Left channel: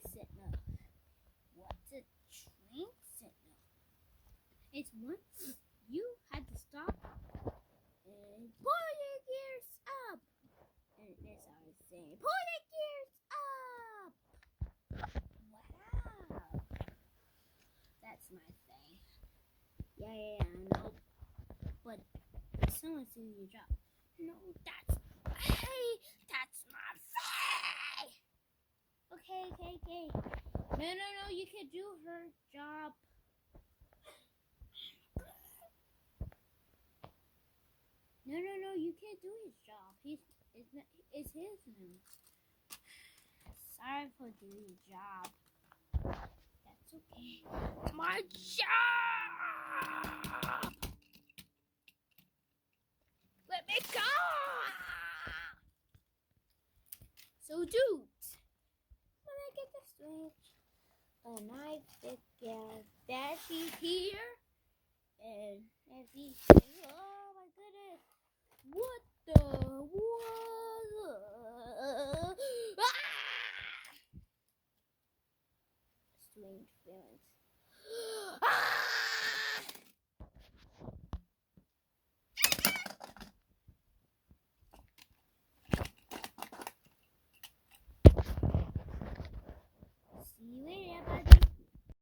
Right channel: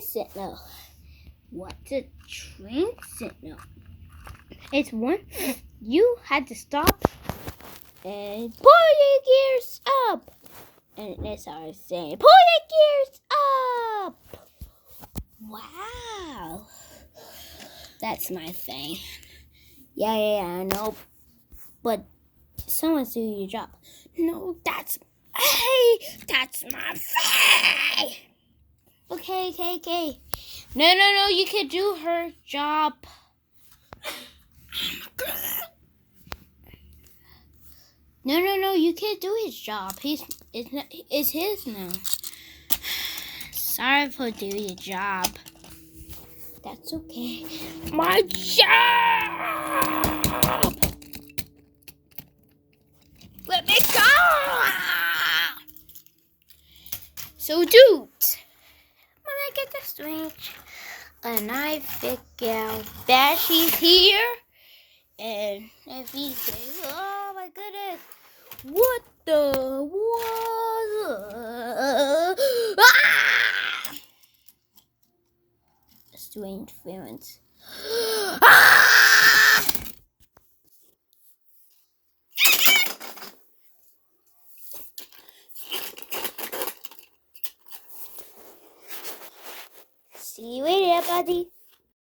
train signal. What's a train signal? It's one you had to stop and pull your gears up. And that's how I was saying, pull your gears up. Wow. That's my thing. Yeah, I know. But someone's doing your job. No, that's my thing. Okay. No, you can do her job. No, you can't do his job. It's his now. Sorry for doing your job. That's okay. My job! Let me go! So, dude, when I get the switch and I figure out that she's here, and if he says, oh my goodness, what the was? Strange feelings. See you later, buddy.